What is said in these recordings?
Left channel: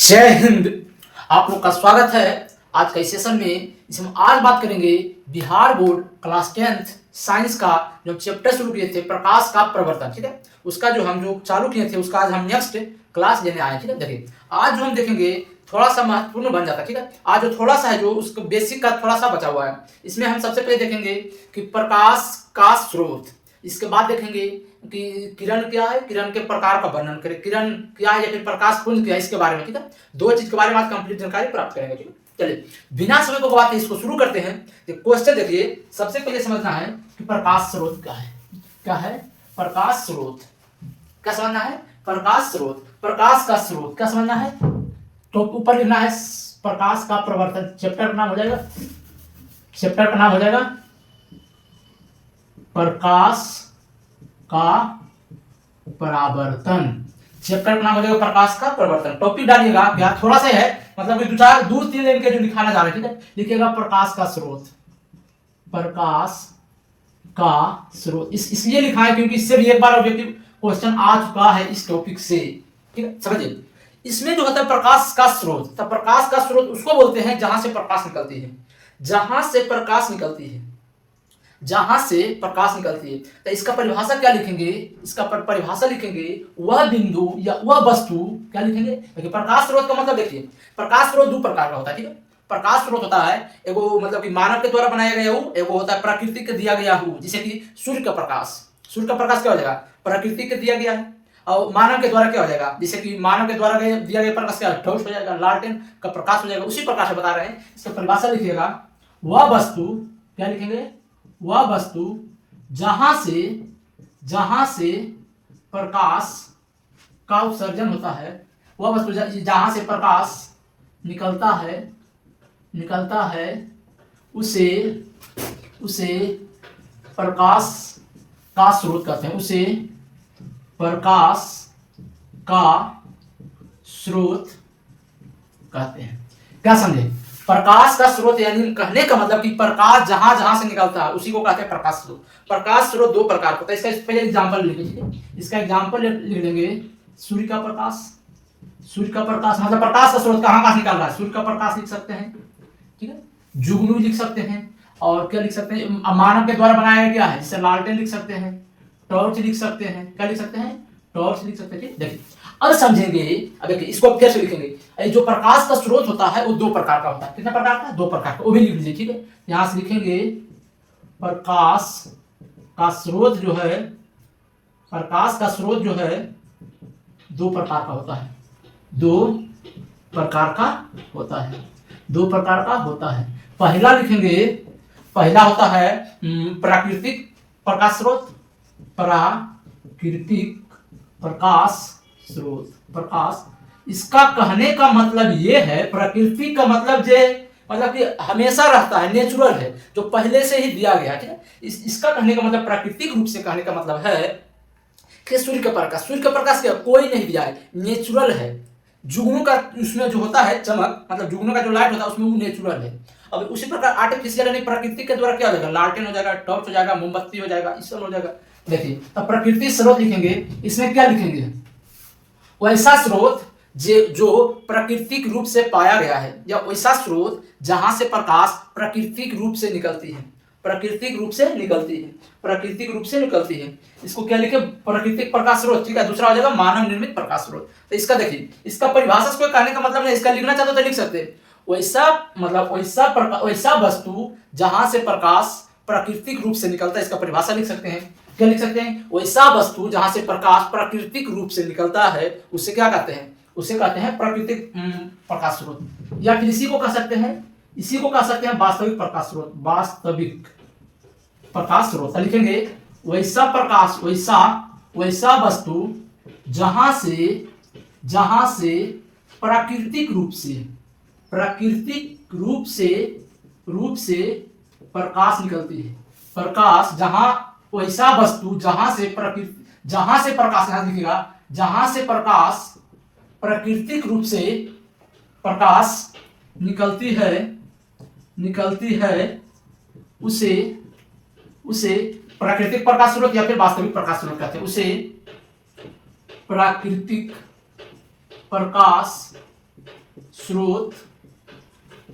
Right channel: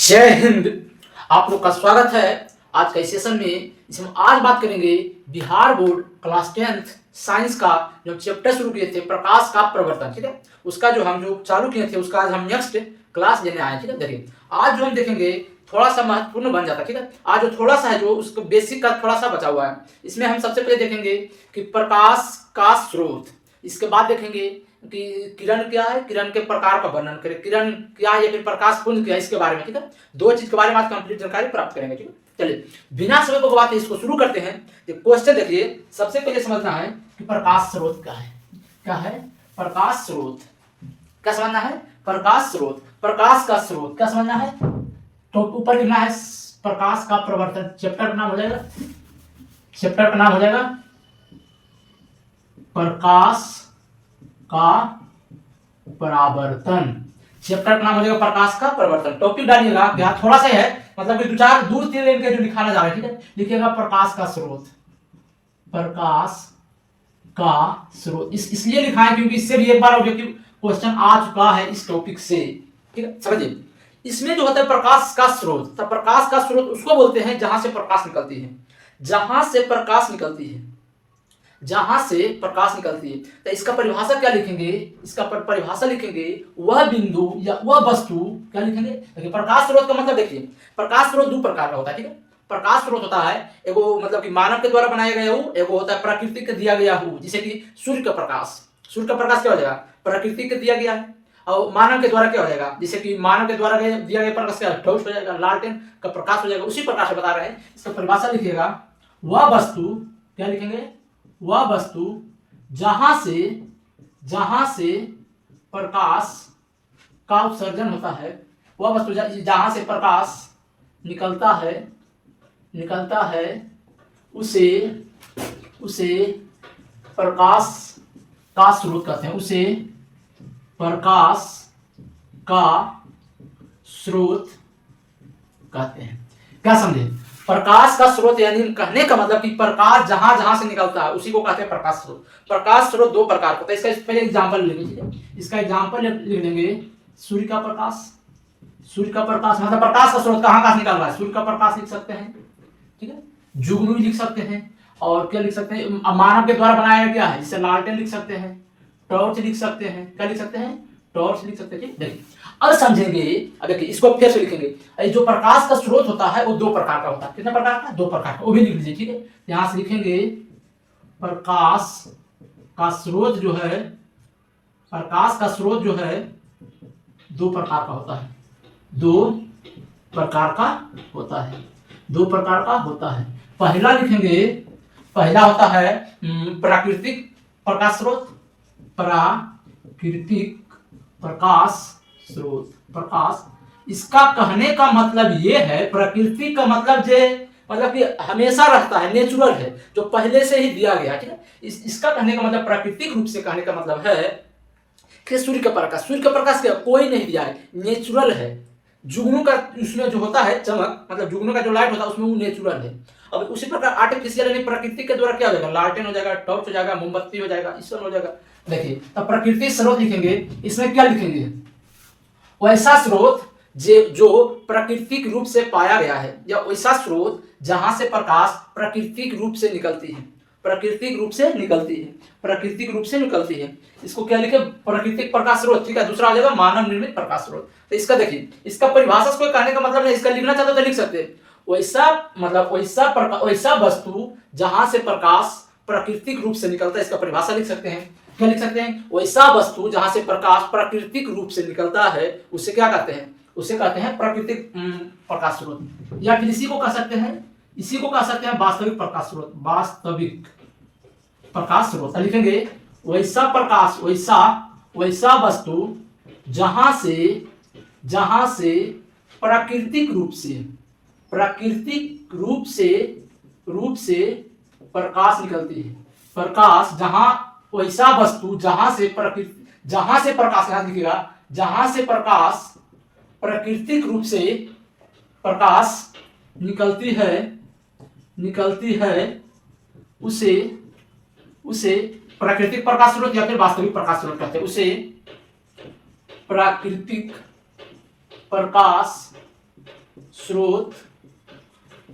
जय हिंद। आप लोग का स्वागत है आज का इस सेशन में। इसमें हम आज बात करेंगे Bihar board class 10th science का जो चैप्टर शुरू किए थे प्रकाश का प्रवर्तन। ठीक है, उसका जो चालू किए थे उसका आज हम नेक्स्ट क्लास लेने आए। ठीक है, देखिए आज जो हम देखेंगे थोड़ा सा महत्वपूर्ण बन जाता है। ठीक है, आज जो थोड़ा सा है जो उसका बेसिक का थोड़ा सा बचा हुआ है। इसमें हम सबसे पहले देखेंगे कि प्रकाश का स्रोत, इसके बाद देखेंगे कि किरण क्या है, किरण के प्रकार का वर्णन करें, किरण क्या है या फिर प्रकाश पुंज क्या है, इसके बारे में। ठीक है, दो चीज के बारे में आज कंप्लीट जानकारी प्राप्त करेंगे। ठीक है, चलिए बिना समय को गवाते इसको शुरू करते हैं। क्वेश्चन देखिए, सबसे पहले समझना है कि प्रकाश स्रोत क्या है। क्या है प्रकाश स्रोत? क्या समझना है? प्रकाश स्रोत, प्रकाश का स्रोत क्या समझना है? तो ऊपर लिखना है प्रकाश का प्रवर्तन। चैप्टर का नाम हो जाएगा, चैप्टर का नाम हो जाएगा प्रकाश का परावर्तन। चैप्टर का नाम हो जाएगा प्रकाश का प्रवर्तन। टॉपिक डालिएगा क्या, थोड़ा सा है मतलब कि दो तीन लाइन के जो लिखाना जा रहा है। ठीक है, लिखिएगा प्रकाश का स्रोत, प्रकाश का स्रोत। इसलिए लिखा है क्योंकि इससे भी एक बार ऑब्जेक्टिव क्वेश्चन आ चुका है इस टॉपिक से। ठीक है, समझिए इसमें जो होता है प्रकाश का स्रोत, तो प्रकाश का स्रोत उसको बोलते हैं जहां से प्रकाश निकलती है, जहां से प्रकाश निकलती है, जहां से प्रकाश निकलती है। तो इसका परिभाषा क्या लिखेंगे? इसका परिभाषा लिखेंगे वह बिंदु या वह वस्तु। क्या लिखेंगे? देखिए प्रकाश स्रोत का मतलब देखिए, प्रकाश स्रोत दो प्रकार का होता है। ठीक है, प्रकाश स्रोत होता है एगो मतलब कि मानव के द्वारा बनाया गया हो, एगो होता है प्रकृति के दिया गया हो, जैसे कि सूर्य का प्रकाश। सूर्य का प्रकाश क्या हो जाएगा? प्रकृति के दिया गया है। और मानव के द्वारा क्या हो जाएगा? जैसे कि मानव के द्वारा दिया गया प्रकाश क्या टॉर्च हो जाएगा, लालटेन का प्रकाश हो जाएगा। उसी प्रकार से बता रहे हैं। इसका परिभाषा लिखिएगा वह वस्तु, क्या लिखेंगे? वह वस्तु जहां से प्रकाश का उत्सर्जन होता है, वह वस्तु जहां से प्रकाश निकलता है उसे प्रकाश का स्रोत कहते हैं। उसे प्रकाश का स्रोत कहते हैं। क्या समझे? प्रकाश का स्रोत यानी कहने का मतलब कि प्रकाश जहां जहां से निकलता है उसी को कहते हैं प्रकाश स्रोत। प्रकाश स्रोत दो प्रकार का होता है। इसका पहले एग्जांपल लिख लीजिए। इसका एग्जांपल लिख लेंगे सूर्य का प्रकाश। सूर्य का प्रकाश मतलब प्रकाश का स्रोत कहां से निकल रहा है? सूर्य का प्रकाश लिख सकते हैं। ठीक है, जुगनू भी लिख सकते हैं। और क्या लिख सकते हैं? मानव के द्वारा बनाया गया है, जिसे लालटेन लिख सकते हैं, टॉर्च लिख सकते हैं। क्या लिख सकते हैं? टॉर्च लिख सकते हैं। देखिए अब समझेंगे। अब देखिए इसको फिर से लिखेंगे। जो प्रकाश का स्रोत होता है वो दो प्रकार का होता है। कितने प्रकार का? दो प्रकार का। वो भी लिख लीजिए। ठीक है, यहां से लिखेंगे प्रकाश का स्रोत जो है, प्रकाश का स्रोत जो है दो प्रकार का होता है। दो प्रकार का होता है। दो प्रकार का होता है। पहला लिखेंगे, पहला होता है प्राकृतिक प्रकाश स्रोत। प्राकृतिक प्रकाश स्रोत, प्रकाश। इसका कहने का मतलब ये है, प्रकृति का मतलब मतलब कि हमेशा रहता है, नेचुरल है, जो पहले से ही दिया गया। ठीक है, इसका कहने का मतलब प्राकृतिक रूप से कहने का मतलब है कि सूर्य का प्रकाश, सूर्य का प्रकाश क्या कोई नहीं दिया है, नेचुरल है। जुगनू का उसमें जो होता है चमक, मतलब जुगनू का जो लाइट होता है उसमें वो नेचुरल है। अब उसी प्रकार आर्टिफिशियल यानी प्रकृति के द्वारा क्या हो जाएगा? लालटेन हो जाएगा, टॉर्च हो जाएगा, मोमबत्ती हो जाएगा, ईसन हो जाएगा। देखिए तब प्रकृति स्रोत लिखेंगे। इसमें क्या लिखेंगे? वैसा स्रोत जो प्राकृतिक रूप से पाया गया है, या वैसा स्रोत जहां से प्रकाश प्राकृतिक रूप से निकलती है। प्राकृतिक रूप से निकलती है, प्राकृतिक रूप से निकलती है। इसको क्या लिखे? प्राकृतिक प्रकाश स्रोत। ठीक है, दूसरा हो जाएगा मानव निर्मित प्रकाश स्रोत। तो इसका देखिए, इसका परिभाषा कोई कहने का मतलब नहीं, इसका लिखना चाहते तो लिख सकते हैं। वैसा मतलब वैसा वस्तु जहां से प्रकाश प्राकृतिक रूप से निकलता है, इसका परिभाषा लिख सकते हैं। क्या लिख सकते हैं? वैसा वस्तु जहां से प्रकाश प्राकृतिक रूप से निकलता है उसे क्या कहते हैं? उसे कहते हैं प्राकृतिक प्रकाश स्रोत। या फिर इसी को कह सकते हैं वास्तविक प्रकाश स्रोत। वास्तविक प्रकाश स्रोत लिखेंगे वैसा प्रकाश, वैसा वस्तु जहां से प्राकृतिक रूप से प्रकाश निकलती है। प्रकाश वैसा वस्तु जहां से प्रकाश, यहां लिखिएगा, जहां से प्रकाश प्राकृतिक रूप से प्रकाश निकलती है उसे प्राकृतिक प्रकाश स्रोत या फिर वास्तविक प्रकाश स्रोत कहते हैं। उसे प्राकृतिक प्रकाश स्रोत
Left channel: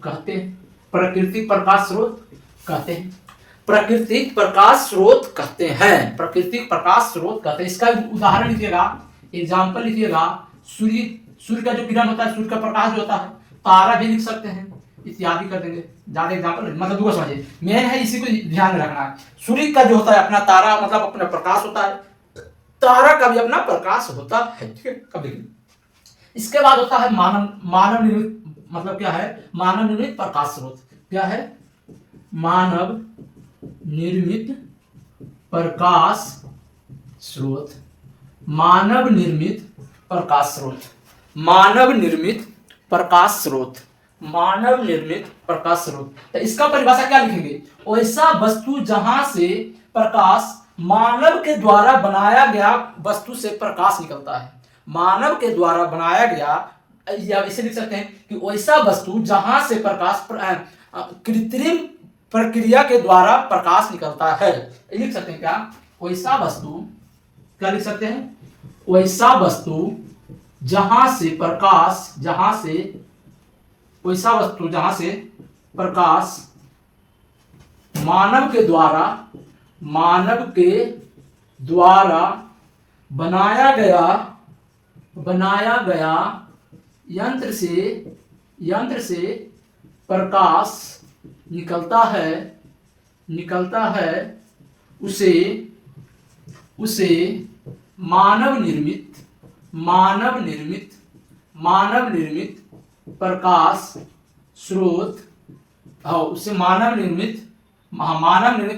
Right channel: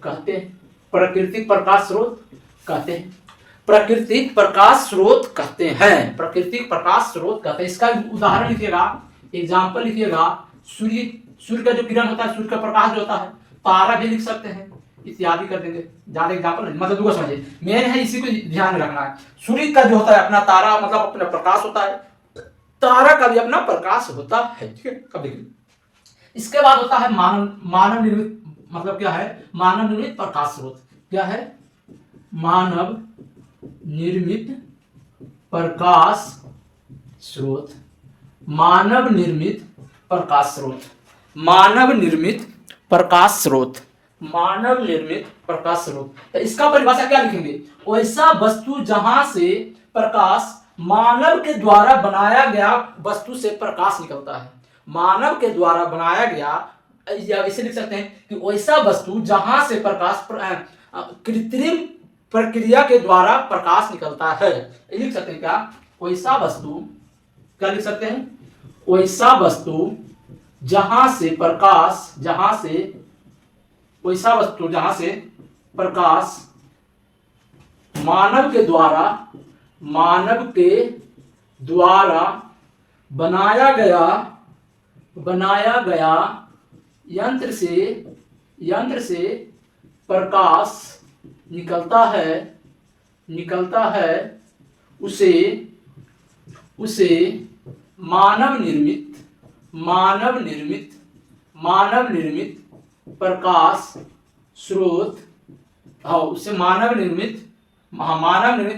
कहते हैं, प्राकृतिक प्रकाश स्रोत कहते हैं, प्राकृतिक प्रकाश स्रोत कहते हैं, प्राकृतिक प्रकाश स्रोत कहते हैं। इसका उदाहरण लिखिएगा, एग्जाम्पल लिखिएगा, सूर्य का जो किरण होता है, सूर्य का प्रकाश जो होता है, तारा भी लिख सकते हैं, इत्यादि कर देंगे। ज्यादा एग्जाम्पल मतलब दूसरा समझिए, मेन है इसी को ध्यान में रखना है। सूर्य का जो होता है अपना तारा मतलब अपना प्रकाश होता है, तारा का भी अपना प्रकाश होता है, ठीक है। कब देखिए, इसके बाद होता है मानव निर्मित, मतलब क्या है, मानव निर्मित प्रकाश स्रोत। क्या है, मानव निर्मित प्रकाश स्रोत, मानव निर्मित प्रकाश स्रोत, मानव निर्मित प्रकाश स्रोत, मानव निर्मित प्रकाश स्रोत। तो इसका परिभाषा क्या लिखेंगे, ऐसा वस्तु जहां से प्रकाश, मानव के द्वारा बनाया गया वस्तु से प्रकाश निकलता है, मानव के द्वारा बनाया गया, या इसे लिख सकते हैं कि ऐसा वस्तु जहां से प्रकाश कृत्रिम प्रक्रिया के द्वारा प्रकाश निकलता है। लिख सकते हैं क्या, ऐसा वस्तु, क्या लिख सकते हैं, ऐसा वस्तु जहां से प्रकाश, जहां से, ऐसा वस्तु जहां से प्रकाश मानव के द्वारा, मानव के द्वारा बनाया गया यंत्र से प्रकाश निकलता है, उसे मानव निर्मित प्रकाश स्रोत, उसे मानव निर्मित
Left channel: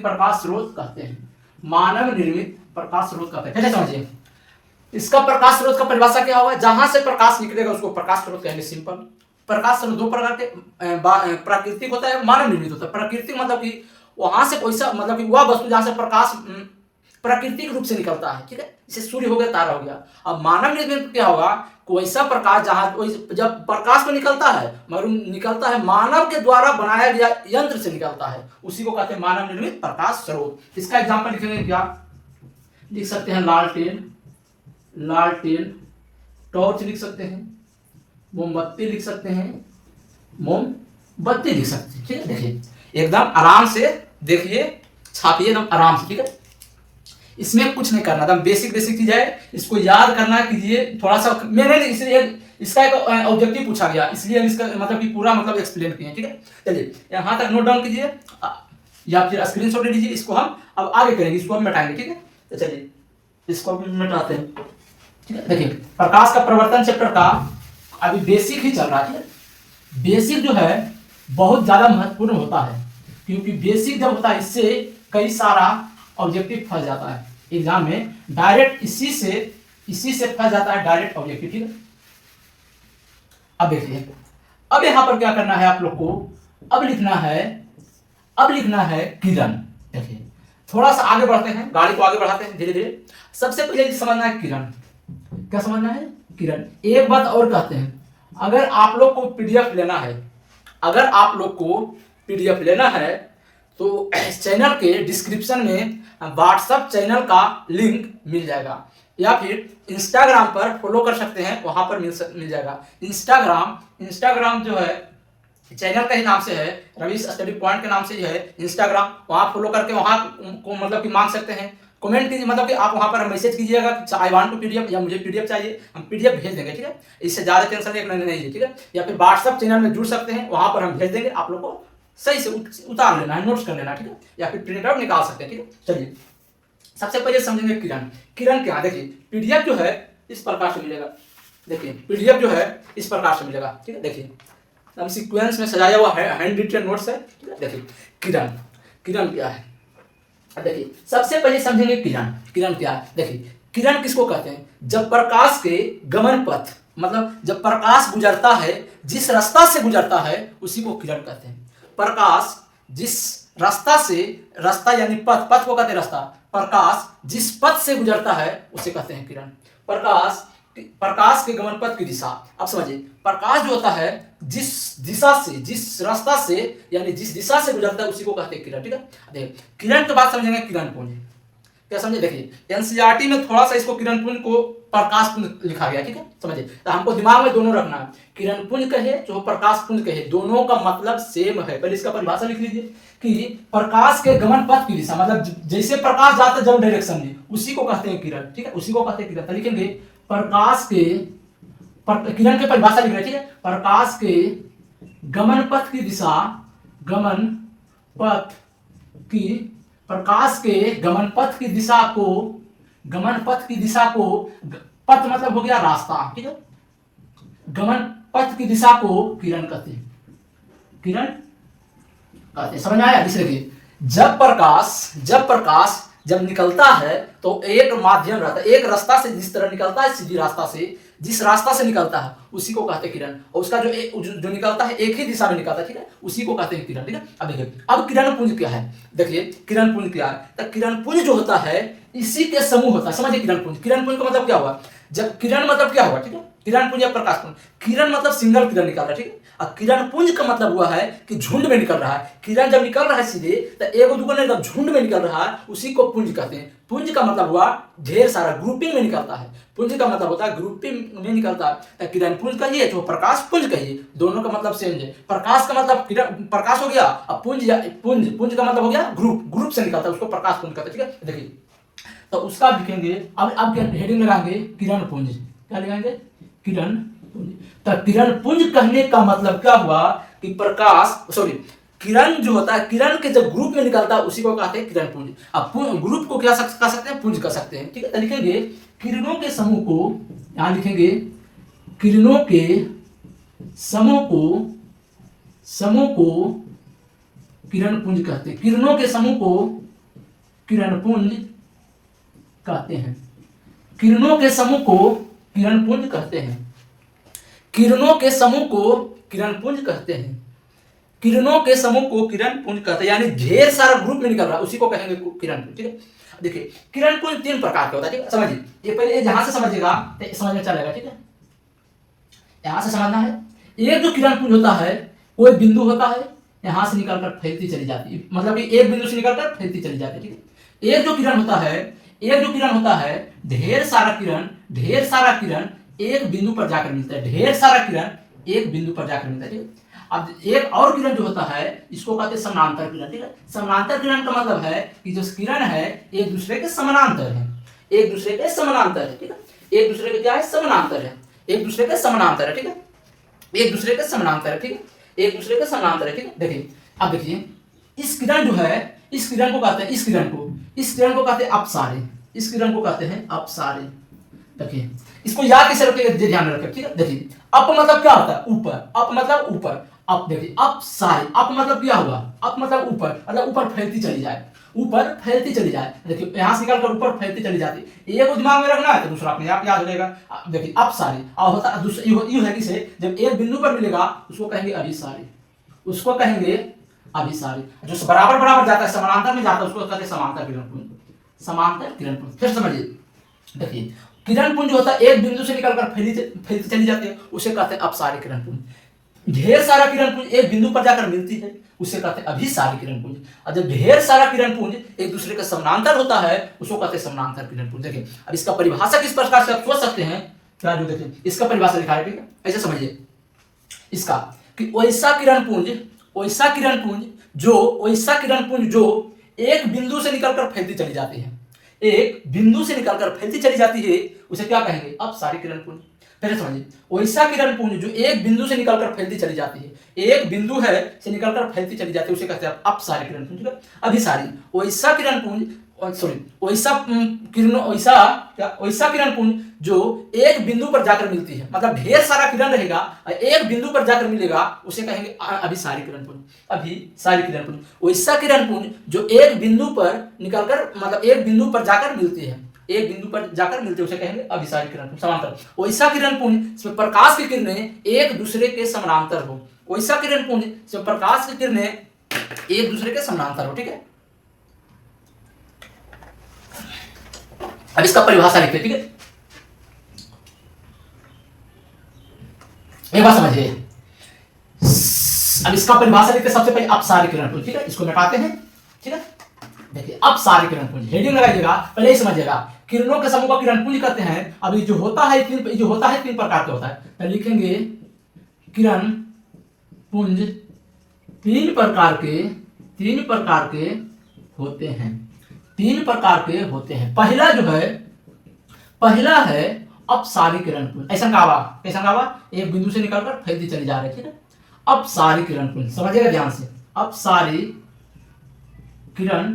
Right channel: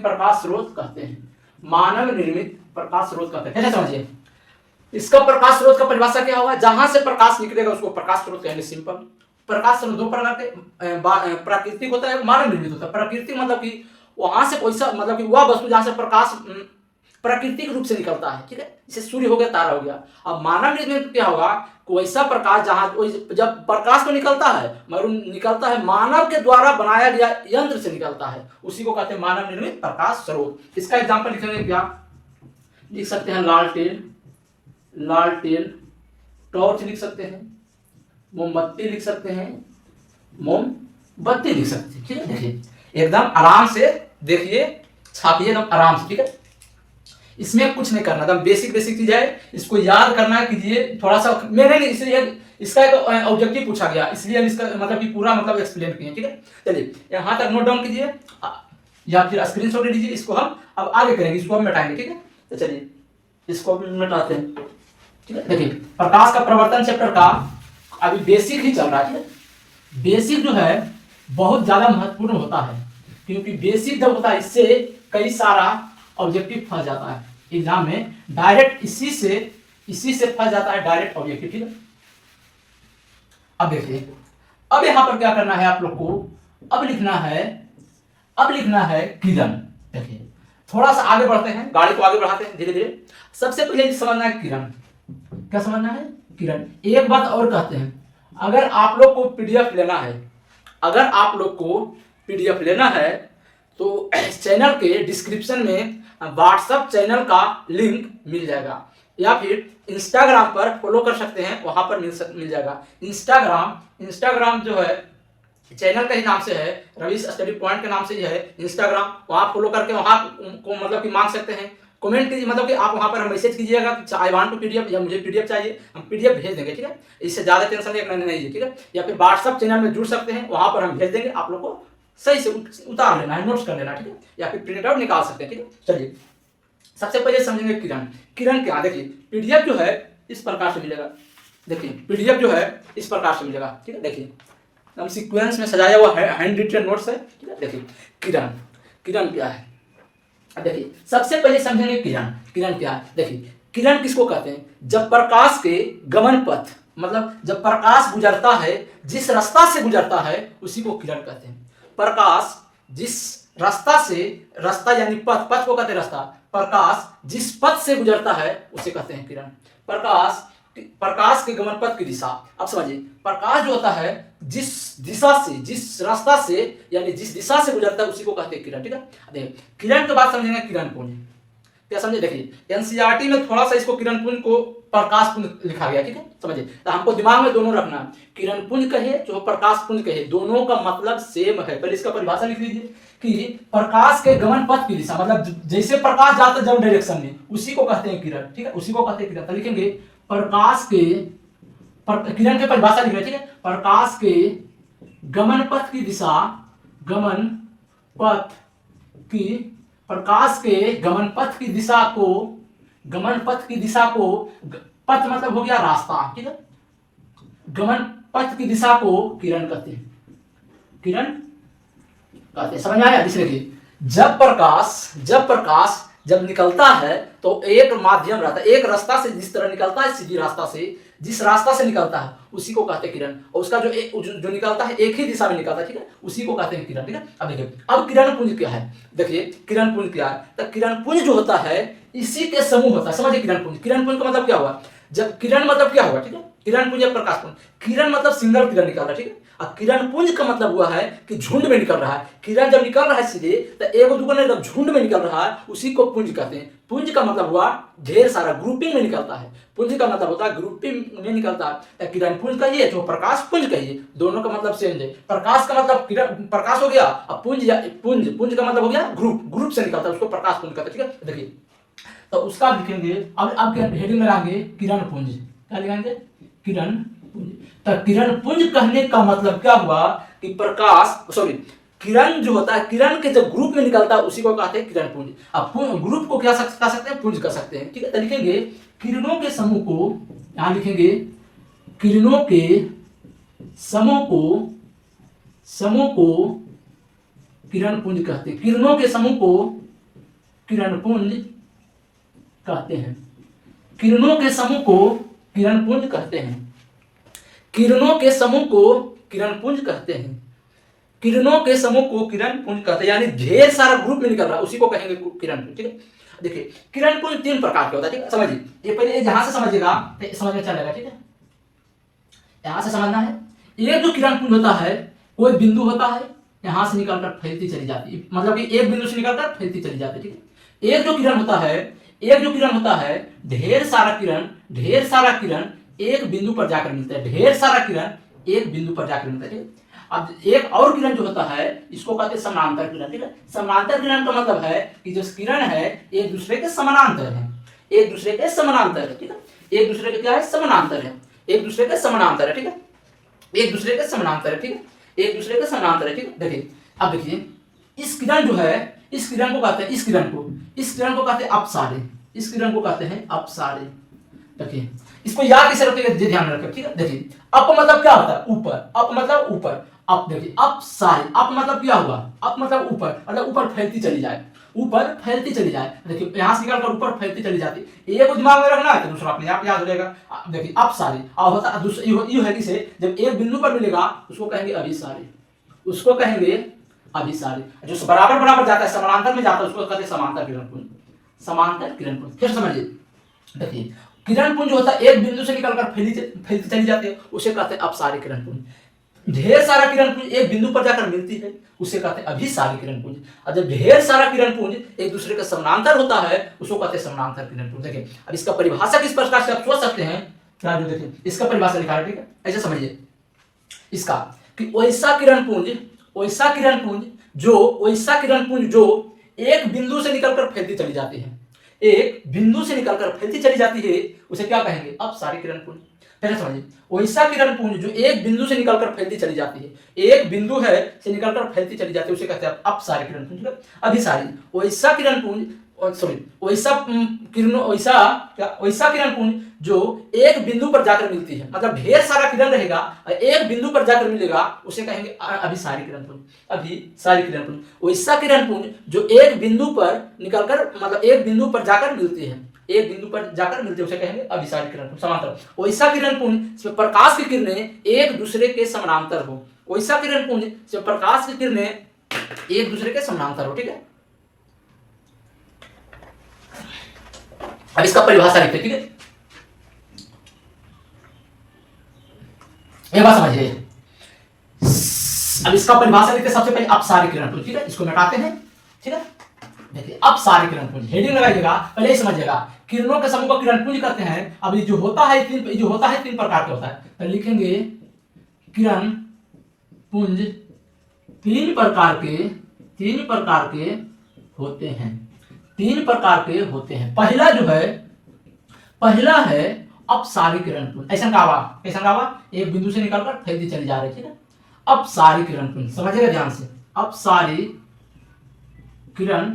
प्रकाश स्रोत कहते हैं, मानव निर्मित प्रकाश स्रोत कहते हैं। कैसे समझिए, इसका प्रकाश स्रोत का परिभाषा क्या होगा, जहां से प्रकाश निकलेगा उसको प्रकाश स्रोत कहेंगे। सिंपल। प्रकाश स्रोत दो प्रकार के, प्राकृतिक होता है, मानव निर्मित होता है। प्राकृतिक मतलब कि वहां से कोई मतलब कि वह वस्तु जहां से प्रकाश प्राकृतिक रूप से निकलता है, ठीक है। जैसे सूर्य हो गया, तारा हो गया। अब मानव निर्मित क्या होगा, कोई ऐसा प्रकाश जहां, जब प्रकाश तो निकलता है मगर निकलता है मानव के द्वारा बनाया गया यंत्र से निकलता है, उसी को कहते हैं मानव निर्मित प्रकाश स्रोत। इसका एग्जाम्पल लिखेंगे, क्या लिख सकते हैं, लालटेन, टॉर्च लिख सकते हैं, मोमबत्ती लिख सकते हैं, मोमबत्ती लिख सकते हैं, ठीक है। देखिए एकदम आराम से देखिए, छापिए एकदम आराम से, ठीक है। इसमें कुछ नहीं करना, एकदम बेसिक चीज है, इसको याद करना कीजिए थोड़ा सा। मैंने इसलिए इसका एक ऑब्जेक्टिव पूछा गया, इसलिए इसका मतलब कि पूरा मतलब एक्सप्लेन किए, ठीक है। चलिए यहाँ तक नोट डाउन कीजिए या फिर स्क्रीनशॉट ले लीजिए। इसको हम अब आगे करेंगे, इसको हम मिटाएंगे, ठीक है। तो चलिए इसको मिटाते हैं, ठीक है। देखिए प्रकाश का प्रवर्तन चैप्टर का अभी बेसिक ही चल रहा है, ठीक है। बेसिक जो है बहुत ज्यादा महत्वपूर्ण होता है, क्योंकि बेसिक जब होता है इससे कई सारा ऑब्जेक्टिव फंस जाता है एग्जाम में, डायरेक्ट इसी से फंस जाता है डायरेक्ट ऑब्जेक्टिव, ठीक है। अब देखिए, अब यहां पर क्या करना है आप लोग को, अब लिखना है किरण। देखिए थोड़ा सा आगे बढ़ते हैं, गाड़ी को आगे बढ़ाते हैं धीरे धीरे। सबसे पहले समझना है किरण, क्या समझना है, किरण। एक बात और कहते हैं, अगर आप लोग को पीडीएफ लेना है, तो चैनल के डिस्क्रिप्शन में व्हाट्सएप चैनल का लिंक मिल जाएगा, या फिर इंस्टाग्राम पर फॉलो कर सकते हैं, वहां पर मिल जाएगा। इंस्टाग्राम जो है चैनल का ही नाम से है, रवीश स्टडी पॉइंट के नाम से ही है इंस्टाग्राम। वहां फॉलो करके वहां को मतलब कि मांग सकते हैं, कमेंट कीजिए, मतलब कि आप वहां पर मैसेज कीजिएगा आई वांट टू पीडीएफ, या मुझे पीडीएफ चाहिए, हम पीडीएफ भेज देंगे, ठीक है। इससे ज्यादा टेंशन नहीं है, ठीक है। या फिर व्हाट्सएप चैनल में जुड़ सकते हैं, वहां पर हम भेज देंगे, आप लोग को सही से उतार लेना है, नोट्स कर लेना, ठीक है। या फिर प्रिंट आउट निकाल सकते हैं, ठीक है। चलिए सबसे पहले समझेंगे किरण। किरण क्या, देखिए पीडीएफ जो है इस प्रकार से मिलेगा, देखिए पीडीएफ जो है इस प्रकार से मिलेगा, ठीक है। देखिए अब सीक्वेंस में सजाया हुआ है, हैंड रिटन नोट्स है, ठीक है। देखिए किरण क्या है, देखिए सबसे पहले समझेंगे किरण क्या है। देखिए किरण किसको कहते हैं, जब प्रकाश के गमन पथ, मतलब जब प्रकाश गुजरता है, जिस रास्ता से गुजरता है उसी को किरण कहते हैं। प्रकाश जिस रास्ता यानी पथ को कहते हैं रास्ता, प्रकाश जिस पथ से गुजरता है उसे कहते हैं किरण। प्रकाश के गमन पथ की दिशा, अब समझिए प्रकाश जो होता है जिस रास्ता से यानी जिस दिशा से गुजरता है उसी को कहते हैं किरण, ठीक है। देखिए किरण के बाद समझेंगे किरण पुंज, क्या समझे। देखिए एनसीईआरटी में थोड़ा सा इसको किरण पुंज को प्रकाश पुंज लिखा गया, ठीक है, समझिए। तो हमको दिमाग में दोनों रखना है, किरण पुंज कहे जो प्रकाश पुंज कहे, दोनों का मतलब सेम है। पहले इसका परिभाषा लिख लीजिए कि प्रकाश के गमन पथ की दिशा, मतलब जैसे प्रकाश जाता है जो डायरेक्शन में, उसी को कहते हैं किरण, ठीक है, उसी को कहते हैं किरण। तो लिखेंगे प्रकाश के, किरण की परिभाषा लिख रहे, ठीक है, प्रकाश के गमन पथ की दिशा, गमन पथ की, प्रकाश के गमन पथ की दिशा को, गमन पथ की दिशा को, पथ मतलब हो गया रास्ता, ठीक है, गमन पथ की दिशा को किरण कहते हैं, किरण कहते हैं। समझ में आया? इसलिए जब प्रकाश जब निकलता है तो एक माध्यम रहता है, एक रास्ता से जिस तरह निकलता है, सीधी रास्ता से, जिस रास्ता से निकलता है उसी को कहते हैं किरण, और उसका जो निकलता है एक ही दिशा में निकलता है, ठीक है, उसी को कहते हैं किरण, ठीक है। अब देखिए, अब किरण पुंज क्या है, देखिए किरण पुंज क्या है। तो किरण पुंज जो होता है इसी के समूह होता है, समझिए। किरण पुंज, किरण पुंज का मतलब क्या हुआ, जब किरण मतलब क्या हुआ, ठीक है, किरण पुंज या प्रकाश पुंज, किरण मतलब सिंगल किरण निकल रहा है, ठीक है, और किरण पुंज का मतलब हुआ है कि झुंड में निकल रहा है। किरण जब निकल रहा है सीधे, तो एगो दुगो नहीं, जब झुंड में निकल रहा है उसी को पुंज कहते हैं। पुंज का मतलब हुआ ढेर सारा, ग्रुपिंग में निकलता है। पुंज का मतलब होता है ग्रुपिंग में निकलता है। तो किरण पुंज कहिए तो प्रकाश पुंज कहिए, दोनों का मतलब सेम है। प्रकाश का मतलब किरण प्रकाश हो गया, और पुंज का मतलब हो गया ग्रुप से निकलता है, उसको प्रकाश पुंज कहते हैं, ठीक है। देखिए तो उसका लिखेंगे, अब हेडिंग लगाएंगे किरण पुंज, क्या लगाएंगे, किरण पुंज। तो किरण पुंज कहने का मतलब क्या हुआ कि किरण जो होता है, किरण के जब ग्रुप में निकलता है उसी को कहते हैं किरण पुंज। अब ग्रुप को क्या कह सकते हैं, पुंज कह सकते हैं, ठीक है। तो लिखेंगे किरणों के समूह को, यहां लिखेंगे किरणों के समूह को किरण पुंज कहते हैं, किरणों के समूह को किरण पुंज कहते हैं, किरणों के समूह को किरण पुंज कहते हैं, किरणों के समूह को किरण पुंज कहते हैं, किरणों के समूह को किरण पुंज कहते हैं, यानी ढेर सारा ग्रुप में निकल रहा है उसी को कहेंगे किरण पुंज, ठीक है। देखिए किरण पुंज 3 प्रकार के होता है, ठीक है, समझिए। ये पहले जहां से समझिएगा समझ में चलेगा, ठीक है, यहां से समझना है। एक जो किरण पुंज होता है, कोई बिंदु होता है, यहां से निकलकर फैलती चली जाती है, मतलब कि एक बिंदु से निकलकर फैलती चली जाती है, ठीक है। एक जो किरण होता है, ढेर सारा किरण एक बिंदु पर जाकर मिलता है, ढेर सारा किरण एक बिंदु पर जाकर मिलता है, ठीक है। अब एक और किरण जो होता है इसको कहते हैं समानांतर किरण, ठीक है। समानांतर किरण का मतलब है कि जो किरण है एक दूसरे के समानांतर है, एक दूसरे के समानांतर है, ठीक है, एक दूसरे के क्या है, समानांतर है, एक दूसरे के समानांतर है, ठीक है, एक दूसरे के समानांतर है, ठीक है, एक दूसरे के समानांतर है, ठीक है। देखिए अब देखिए इस किरण जो है, इस किरण को कहते हैं, इस किरण को कहते हैं अपसारे, इस किरण को कहते हैं अपसारे। देखिए इसको याद कैसे रखेंगे, ध्यान में रखें, ठीक है। देखिए अप मतलब क्या होता है, ऊपर, अप मतलब ऊपर, अप देखिए अपसारे, अप मतलब क्या हुआ, अप मतलब ऊपर, मतलब ऊपर फैलती चली जाए, ऊपर फैलती चली जाए। देखिए यहां से निकलकर ऊपर फैलती चली जाती है, एक दिमाग में रखना है तो दूसरा अपने आप याद हो जाएगा। देखिए अपसारी अब होता यूं है कि से जब एक बिंदु पर मिलेगा उसको कहेंगे अभिसारी, उसको कहेंगे अभिसारी। जो बराबर बराबर जाता है, समानांतर में जाता है, उसको कहते हैं समांतर किरण पुंज, समांतर किरण पुंज। फिर समझिए, देखिए किरण पुंज होता है एक बिंदु से निकलकर फैलती चली जाती है, उसे कहते हैं अपसारी किरण पुंज। ढेर सारा किरण पुंज एक बिंदु पर जाकर मिलती है, उसे कहते हैं अभिसारी किरण पुंज। और जब ढेर सारा किरण पुंज एक दूसरे के समानांतर होता है उसको कहते हैं समानांतर किरण पुंज। देखिए अब इसका परिभाषा किस प्रकार से आप सोच सकते हैं, क्या जो देखिए इसका परिभाषा लिखा है, ठीक है, ऐसे समझिए इसका कि वैसा किरण पुंज जो एक बिंदु से निकलकर फैलती चली जाती है, एक बिंदु से निकलकर फैलती चली जाती है, उसे क्या कहेंगे, अपसारी किरण पुंज। पहले समझिए, वैसा किरण पुंज जो एक बिंदु से निकलकर फैलती चली जाती है, एक बिंदु है से निकलकर फैलती चली जाती है, उसे कहते हैं अपसारी किरण पुंज। अभिसारी वैसा किरण पुंज, वैसा किरण पुंज जो एक बिंदु पर जाकर मिलती है, मतलब ढेर सारा किरण रहेगा एक बिंदु पर जाकर मिलेगा, उसे कहेंगे अभिसारी किरण पुंज, अभिसारी किरण पुंज। वैसा किरण पुंज जो एक बिंदु पर निकलकर, मतलब एक बिंदु पर जाकर मिलती है, एक बिंदु पर जाकर मिलते उसे कहेंगे अभिसारी किरण पुंज, समांतर। वैसा किरण पुंज जिसमें प्रकाश की किरणें एक दूसरे के समानांतर हो, वैसा किरण पुंज जिसमें प्रकाश की किरणें एक दूसरे के समानांतर हो, ठीक है। अब इसका परिभाषा लिखते, ठीक है, एक बात समझिए। अब इसका परिभाषा लिखते सबसे पहले अपसारी किरण पुंज, ठीक है, इसको मिटाते हैं, ठीक है। देखिए अब सारे किरण पुंज हेडिंग लगाइएगा, पहले ही समझिएगा किरणों के समूह को किरण पुंज कहते हैं। अब ये जो होता है तीन प्रकार के होता है, तो लिखेंगे किरण पुंज तीन प्रकार के होते हैं, तीन प्रकार के होते हैं। पहला है अपसारी किरण पुंज। ऐसा कहा एक बिंदु से निकलकर फैलती चली जा रही है, ठीक है। अपसारी किरण पुंज समझिएगा ध्यान से, अपसारी किरण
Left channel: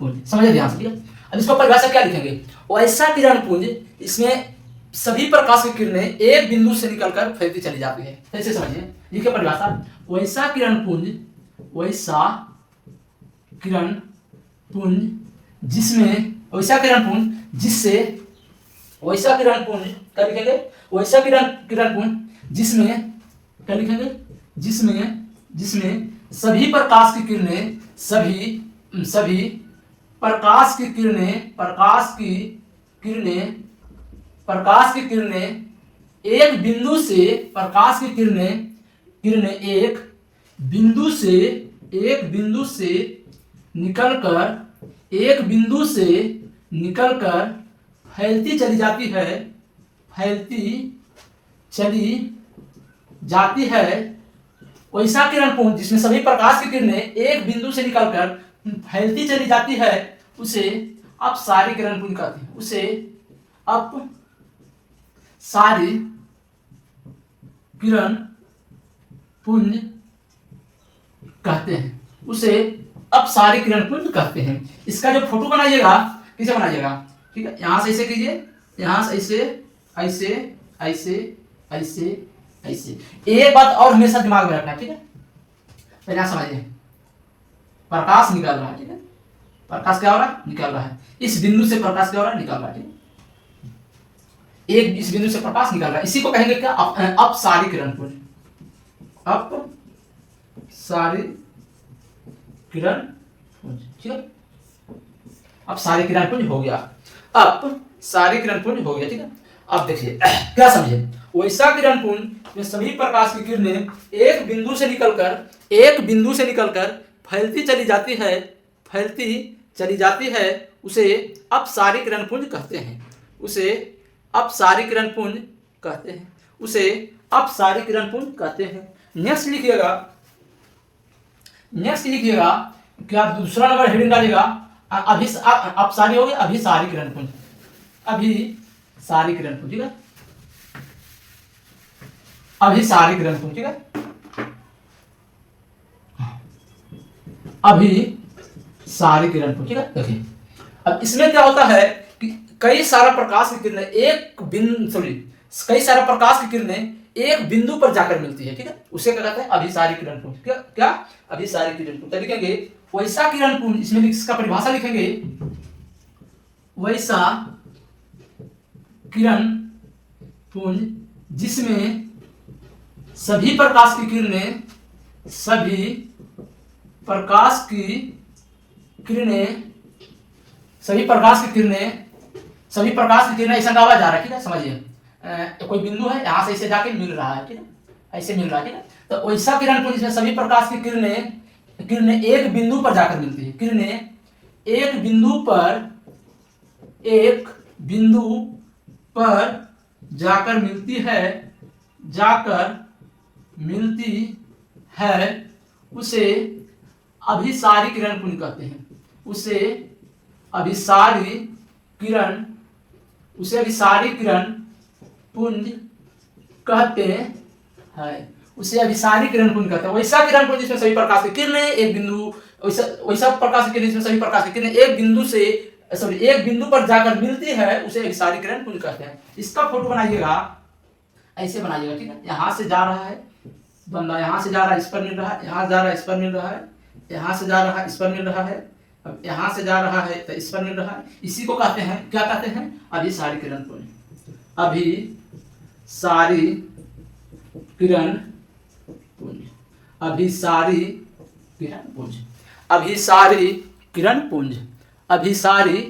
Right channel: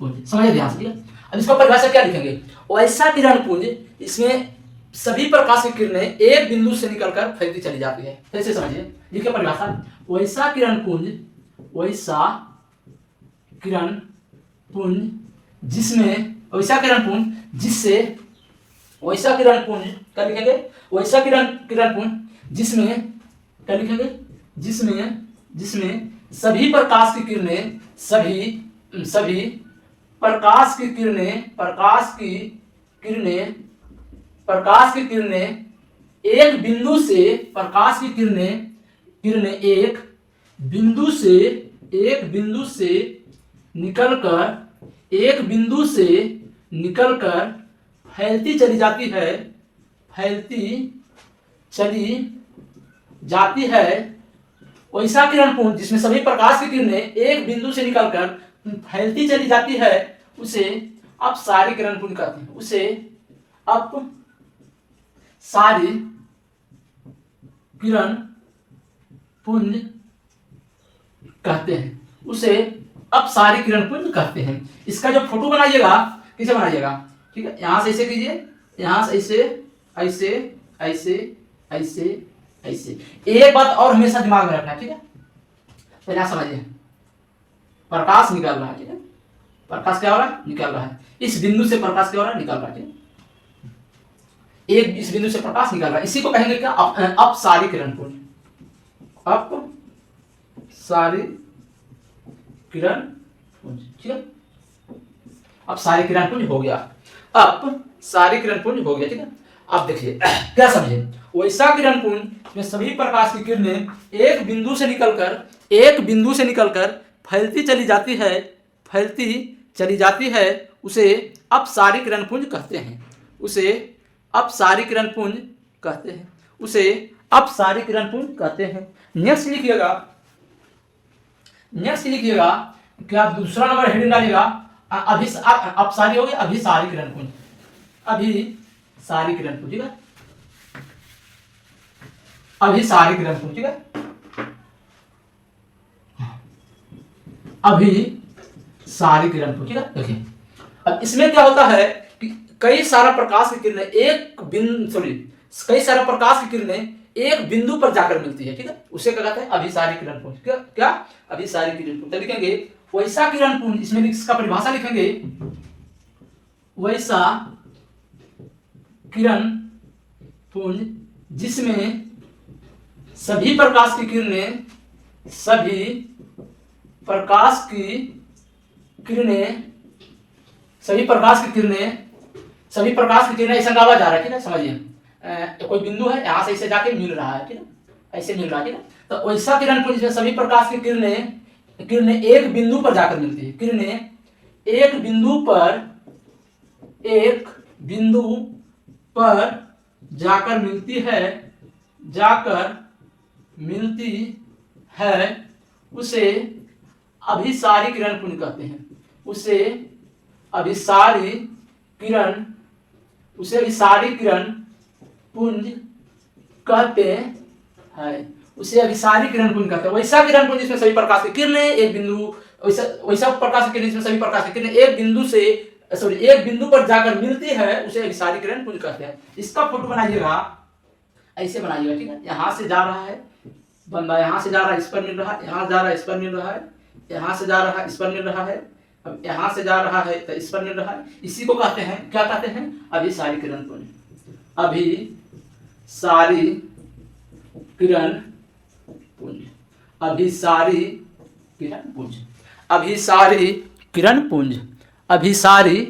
पुंज समझिए ध्यान से, ठीक है। अब इसको परिभाषा क्या लिखेंगे, वैसा किरण पुंज इसमें सभी प्रकाश की किरणें एक बिंदु से निकलकर फैलती चली जाती है। फिर से समझिए, लिखिए परिभाषा, वैसा किरण पुंज जिसमें वैसा किरण पुंज जिससे वैसा किरण पुंज क्या लिखेंगे, वैसा किरण पुंज जिसमें क्या लिखेंगे, जिसमें सभी प्रकाश की किरणें एक बिंदु से निकलकर फैलती चली जाती है। वैसा किरण पुंज जिसमें सभी प्रकाश की किरणें एक बिंदु से निकलकर फैलती चली जाती है, उसे अपसारी किरण पुंज कहते हैं। उसे अपसारी किरण पुंज कहते हैं। इसका जो फोटो बनाइएगा कैसे बनाइएगा, ठीक है। यहां से ऐसे कीजिए, यहां से ऐसे। एक बात और हमेशा दिमाग में रखना है, ठीक है। तो यहां समझिए, प्रकाश निकल रहा है, ठीक है। प्रकाश क्या हो रहा है, निकल रहा है। इस बिंदु से प्रकाश क्या हो रहा है, निकल रहा है, ठीक है। इस बिंदु से प्रकाश निकल रहा है, इसी को कहेंगे क्या, अपसारी किरण पुंज। अपसारी किरण पुंज, ठीक है। अपसारी किरण पुंज हो गया, ठीक है। अब देखिए क्या समझे, वैसा किरण पुंज में सभी प्रकाश की किरणें एक बिंदु से निकलकर फैलती चली जाती है, उसे अपसारी किरण पुंज कहते हैं। नेक्स्ट लिखिएगा, क्या दूसरा नंबर हेडिंग डालिएगा, अपसारी हो गया, अभिसारी किरण पुंज, अभिसारी किरण पुंज, ठीक है। अभिसारी किरण पुंज, ठीक है। अभिसारी किरण पुंज, ठीक है। देखिए अब इसमें क्या होता है कि कई सारा प्रकाश की किरणें एक बिंदु पर जाकर मिलती है, ठीक है। उसे क्या कहते हैं, अभिसारी किरण पुंज। क्या अभिसारी किरण पुंज। तो लिखेंगे वैसा किरण पुंज, इसमें इसका परिभाषा लिखेंगे, वैसा किरण पुंज जिसमें सभी प्रकाश की किरणें ऐसा गावा जा रहा है, ठीक है। समझिए कोई बिंदु है, यहां से इसे जाके मिल रहा है, ठीक है, ऐसे मिल रहा है, ठीक है। तो वैसा किरण पुंज जिसमें सभी प्रकाश की किरणें एक बिंदु पर जाकर मिलती है, एक बिंदु पर जाकर मिलती है, उसे अभिसारी किरण पुंज कहते हैं। उसे अभिसारी किरण पुंज कहते हैं। वैसा किरण पुंज जिसमें सभी प्रकाश की किरणें वैसा प्रकाश की किरण जिसमें सभी प्रकाश की किरणें एक बिंदु पर जाकर मिलती है, उसे अभिसारी किरण पुंज कहते हैं। इसका फोटो बनाइएगा, ऐसे बनाइएगा, ठीक है। यहां से जा रहा है बंदा, यहां से जा रहा है, इस पर मिल रहा है, यहां जा रहा है, इस पर मिल रहा है, यहां से जा रहा है, इस पर मिल रहा है, यहां से जा रहा है तो इस पर मिल रहा है। इसी को कहते हैं, क्या कहते हैं, अभिसारी किरण पुंज। अभिसारी किरण पुंज, अभिसारी किरण पुंज, अभिसारी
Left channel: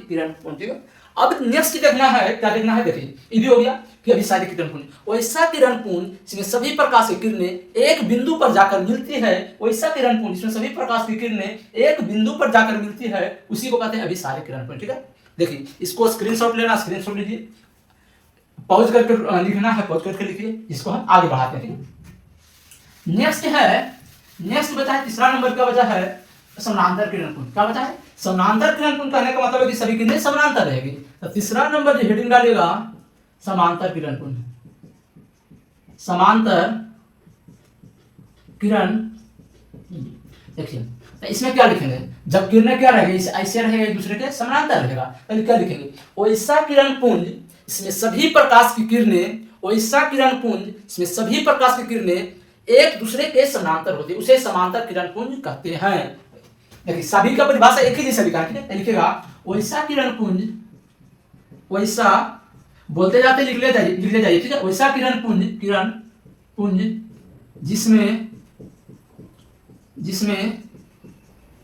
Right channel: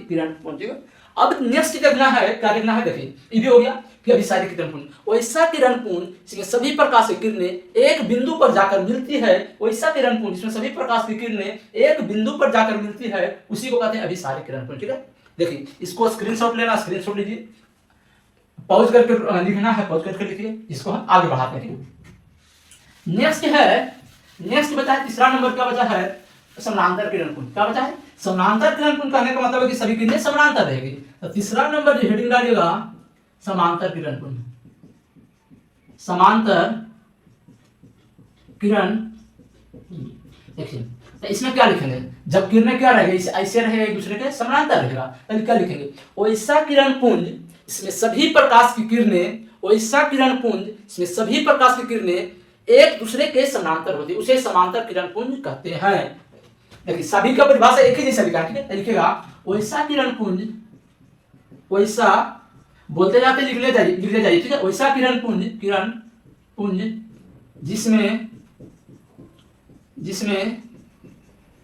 किरण पुंज, ठीक है। अब नेक्स्ट देखना है, क्या देखना है, देखिए ये भी हो गया। फिर अभिसारी किरण पुंज, वैसा किरण पुंज जिसमें सभी प्रकाश की किरणें एक बिंदु पर जाकर मिलती है, वैसा किरण पुंज जिसमें सभी प्रकाश की किरणें एक बिंदु पर जाकर मिलती है, उसी को कहते हैं अभिसारी किरण पुंज। ठीक है, देखिए इसको स्क्रीनशॉट लेना, स्क्रीनशॉट लीजिए, पॉज करके लिखना है, पॉज करके लिखिए, इसको हम आगे बढ़ाते हैं। नेक्स्ट है, नेक्स्ट बचा है तीसरा नंबर, क्या बचा है, समानांतर किरण पुंज। क्या बचा है, समानांतर किरण पुंज कहने का मतलब है कि सभी किरणें समानांतर रहेगी। तो तीसरा नंबर जो हेडिंग डालिएगा समांतर किरण पुंज, समांतर किरण। देखिए तो इसमें क्या लिखेंगे, जब किरणें क्या रहेगी, ऐसे रहेगा, एक दूसरे के समानांतर रहेगा, तो क्या लिखेंगे, वैसा किरण पुंज इसमें सभी प्रकाश की किरणें, वैसा किरण पुंज इसमें सभी प्रकाश की किरणें एक दूसरे के समानांतर होती है, उसे समांतर किरण पुंज कहते हैं। देखिए सभी का परिभाषा एक ही जैसा लिखा है, ठीक है, लिखेगा वैसा किरण पुंज, वैसा बोलते जाते लिख ले जाइए, ठीक है, वैसा किरण पुंज जिसमें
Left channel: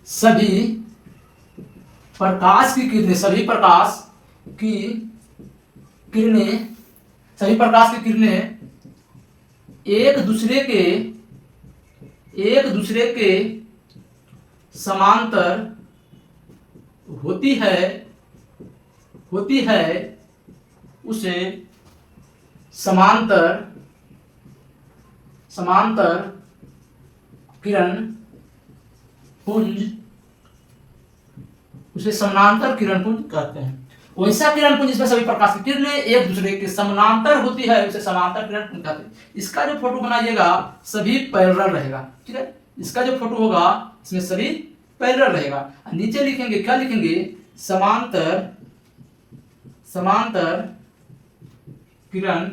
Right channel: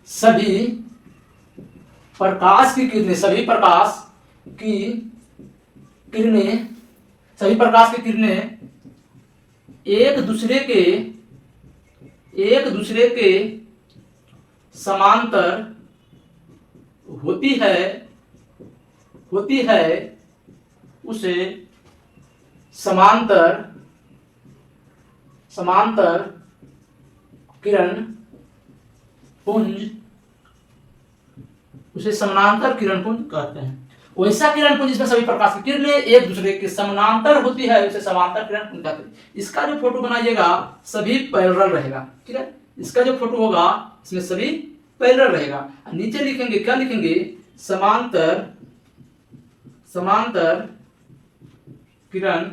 सभी प्रकाश की किरणें, सभी प्रकाश की किरणें एक दूसरे के समांतर होती है, उसे समांतर किरण पुंज, उसे समानांतर किरण पुंज कहते हैं। वैसा किरण पुंज जिसमें सभी प्रकाश की किरणें एक दूसरे के समानांतर होती है, उसे समांतर किरण पुंज कहते हैं। इसका जो फोटो बनाइएगा सभी पैरेलल रहेगा, ठीक है, इसका जो फोटो होगा इसमें सभी पैरेलल रहेगा। नीचे लिखेंगे, क्या लिखेंगे, समांतर किरण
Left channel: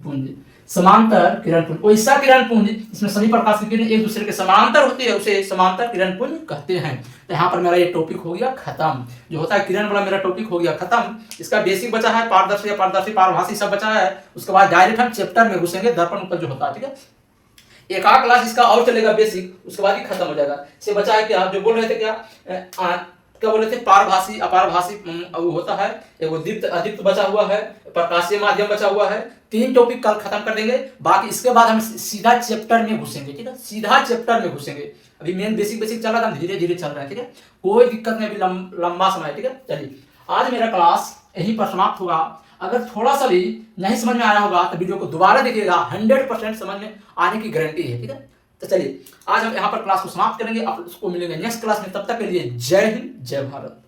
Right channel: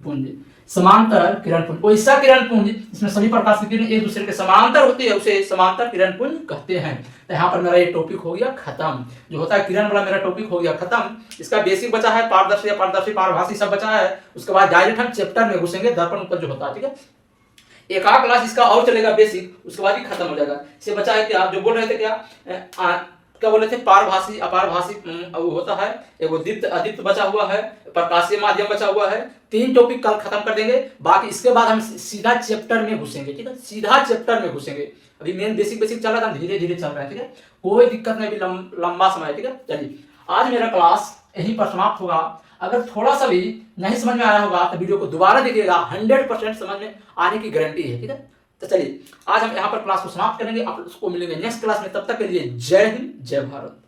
पुंज, समांतर किरण पुंज, वैसा किरण पुंज इसमें सभी प्रकाश की किरणें एक दूसरे के समांतर होती है, उसे समांतर किरण पुंज कहते हैं। तो यहाँ पर मेरा ये टॉपिक हो गया खत्म, जो होता है किरण वाला मेरा टॉपिक हो गया खत्म। इसका बेसिक बचा है, पारदर्शी, अपारदर्शी, पारभासी सब बचा है। उसके बाद डायरेक्ट हम चैप्टर में घुसेंगे, दर्पण उपज जो होता है, ठीक है, एक आध क्लास इसका और चलेगा बेसिक, उसके बाद ही खत्म हो जाएगा। इससे बचा है क्या, जो बोल रहे थे क्या बोले थे, पारभासी, अपारभासी होता है, एक दीप्त अदीप्त बचा हुआ है, प्रकाशीय माध्यम बचा हुआ है। 3 टॉपिक कल खत्म कर देंगे, बाकी इसके बाद हम सीधा चैप्टर में घुसेंगे, ठीक है, सीधा चैप्टर में घुसेंगे। अभी मेन बेसिक चल रहा था, धीरे धीरे चल रहा है, ठीक है, कोई दिक्कत नहीं, अभी लंबा समय, ठीक है। चलिए आज मेरा क्लास यहीं पर समाप्त होगा। अगर थोड़ा सा भी नहीं समझ में आया होगा तो वीडियो को दोबारा देखिएगा, 100% समझ में आने की गारंटी है, ठीक है। तो चलिए आज हम यहाँ पर क्लास को समाप्त करेंगे, आप उसको मिलेंगे नेक्स्ट क्लास में, तब तक के लिए जय हिंद, जय भारत।